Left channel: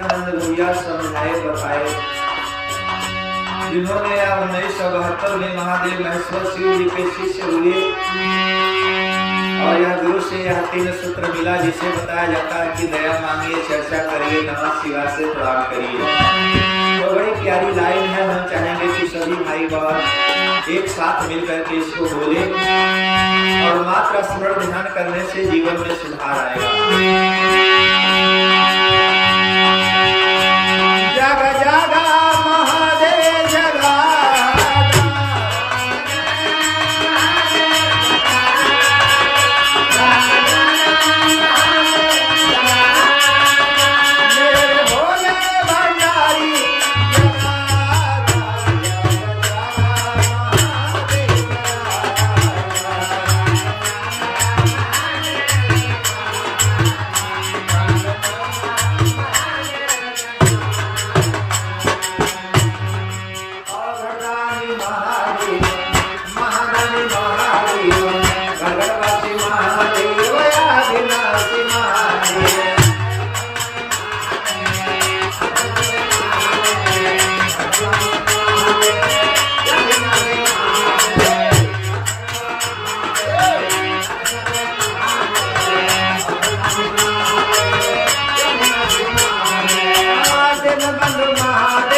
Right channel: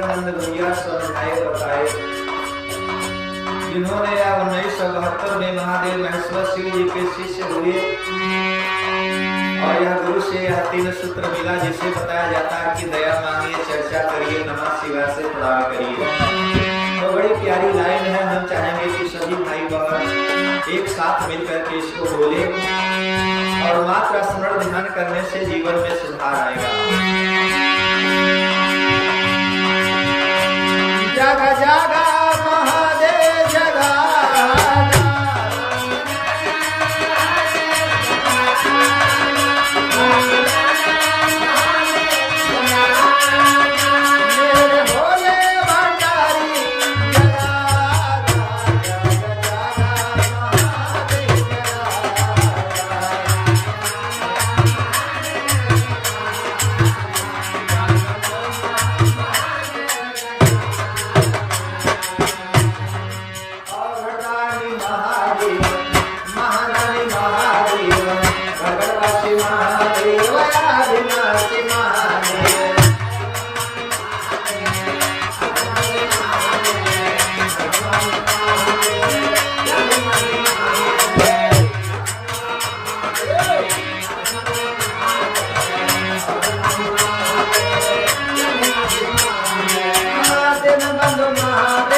नंद भैया समझाए बताए। जिन्होंने 1972 में महादेव महेश्वर शिव जी के शिष्य हुए और यह गुरु से यह 3 सूत्र मिला, जिसे बताया जाता है कि दया मांगिए, चर्चा करिए, नमः शिवाय से प्रणाम करिए। तो बड़ी प्यारी लाइन है। हम चाहेंगे कि सभी भाई बहन एक साथ मिलकर के इसको बोले और मात्र स्मरण ध्यान करने से जीवन में सुधार आएगा। जग जागा महादेव जगा, बंधु महादेव।